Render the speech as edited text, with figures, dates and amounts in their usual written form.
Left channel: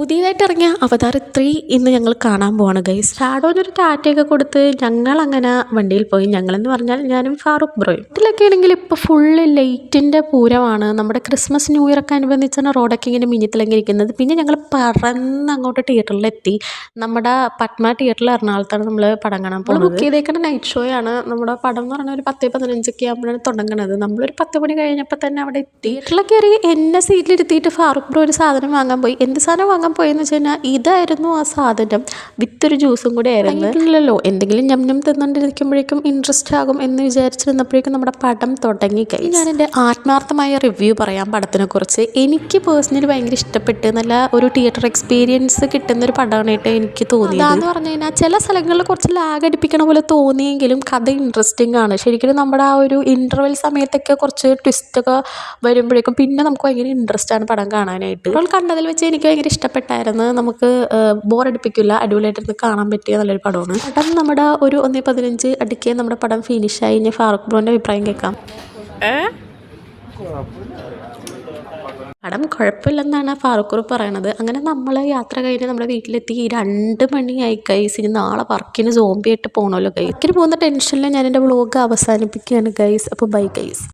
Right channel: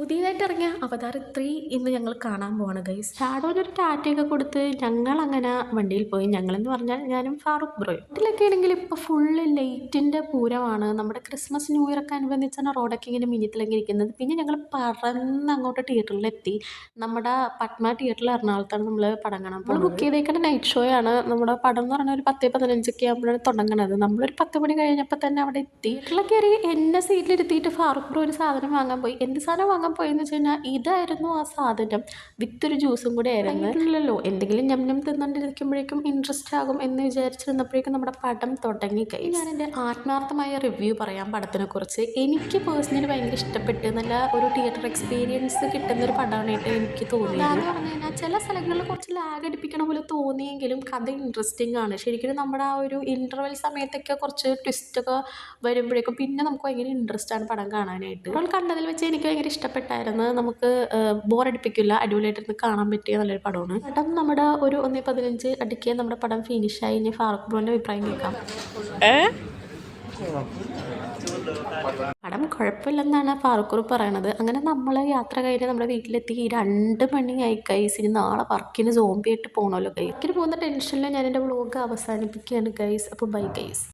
പുതിയതായിട്ട് ഇറങ്ങിയ അവതാർ 3 ഇന്ന് ഞങ്ങൾ കാണാൻ പോവാണ് ഗൈസ്. ഷാഡോനൊരു ടാറ്റയൊക്കെ കൊടുത്ത് ഞങ്ങളങ്ങനെ വണ്ടിയിൽ പോയി. ഞങ്ങളെന്ന് പറഞ്ഞാൽ ഞാനും ഫാറൂഖ് ബ്രോയും. ഇതിലൊക്കെ ആണെങ്കിൽ ഇപ്പോൾ ഫുള്ള് ലൈറ്റിൻ്റെ പൂരമാണ്. നമ്മുടെ ക്രിസ്മസ് ന്യൂ ഇയറൊക്കെ അനുബന്ധിച്ചാണ് റോഡൊക്കെ ഇങ്ങനെ മിന്നിത്തിളങ്ങിയിരിക്കുന്നത്. പിന്നെ ഞങ്ങൾ പറന്ന് അങ്ങോട്ട് തിയേറ്ററിലെത്തി. നമ്മുടെ പത്മ തിയേറ്ററിൽ എറണാകുളത്താണ് നമ്മൾ പടം കാണാൻ പോകുന്നത്. ബുക്ക് ചെയ്തേക്കുന്ന നൈറ്റ് ഷോ ആണ്. നമ്മുടെ പടം എന്ന് പറഞ്ഞാൽ ഒരു 10-15 ആകുമ്പോഴാണ് തുടങ്ങുന്നത്. നമ്മളൊരു 10 മണി കഴിഞ്ഞപ്പോൾ തന്നെ അവിടെ എത്തി. തിയേറ്ററിലൊക്കെ കയറി എന്നെ സീറ്റിലിരുത്തിയിട്ട് ഫാറൂഖ് ബ്രോ ഒരു സാധനം വാങ്ങാൻ പോയി. എന്ത് സാധനം വാങ്ങാൻ പോയെന്ന് വെച്ച് കഴിഞ്ഞാൽ ഇതായിരുന്നു ആ സാധനം. വിത്തൊരു ജ്യൂസും കൂടെ ആയിരുന്നു. ഇല്ലല്ലോ, എന്തെങ്കിലും ഞം തിന്നുകൊണ്ടിരിക്കുമ്പോഴേക്കും ഇൻട്രസ്റ്റ് ആകും എന്ന് വിചാരിച്ചിരുന്നപ്പോഴേക്കും നമ്മുടെ പടം തുടങ്ങി കഴിഞ്ഞു. ഞാൻ എൻ്റെ ആത്മാർത്ഥമായ റിവ്യൂ പറയാം പടത്തിനെ കുറിച്ച്. എനിക്ക് പേഴ്സണലി ഭയങ്കര ഇഷ്ടപ്പെട്ട് നല്ല ഒരു തിയേറ്റർ എക്സ്പീരിയൻസ് കിട്ടുന്നൊരു പടമായിട്ട് എനിക്ക് തോന്നിയത്. അതെന്ന് പറഞ്ഞു കഴിഞ്ഞാൽ ചില സ്ഥലങ്ങളിൽ കുറച്ച് ലാഗ് അടിപ്പിക്കണ പോലെ തോന്നിയെങ്കിലും കഥ ഇൻട്രസ്റ്റിംഗ് ആണ്. ശരിക്കും നമ്മുടെ ആ ഒരു ഇൻ്റർവെൽ സമയത്തൊക്കെ കുറച്ച് ട്വിസ്റ്റൊക്കെ വരുമ്പോഴേക്കും പിന്നെ നമുക്ക് ഭയങ്കര ഇൻട്രസ്റ്റ് ആണ് പടം കാണാനായിട്ട്. ഇപ്പോൾ കണ്ടതിൽ വെച്ച് എനിക്ക് ഭയങ്കര ഇഷ്ടപ്പെട്ടായിരുന്നു. നമുക്ക് ബോറടിപ്പിക്കില്ല, അടിപൊളിയായിട്ടിരുന്ന് കാണാൻ പറ്റിയ നല്ലൊരു പടമാണ്. പടം നമ്മുടെ ഒരു 1:15 അടുക്കിയ നമ്മുടെ പടം ഫിനിഷായി. ഇനി ഫാറൂഖ് ബ്രോൻ്റെ അഭിപ്രായം കേൾക്കാം. പടം കുഴപ്പമില്ലെന്നാണ് ഫാറൂഖ് ബ്രോ പറയണത്. അങ്ങനെ നമ്മൾ യാത്ര കഴിഞ്ഞ് നമ്മുടെ വീട്ടിലെത്തി. 2 മണിയായി ഗൈസ്. ഇനി നാളെ വർക്കിന് സോംബിയായിട്ട് പോകണമല്ലോ ഗൈസ്. വർക്കിന് പോകുന്ന ടെൻഷനിൽ ഞാൻ എൻ്റെ വ്ളോഗ് അവസാനിപ്പിക്കുകയാണ് ഗൈസ്. അപ്പോൾ ബൈ ഗൈസ്.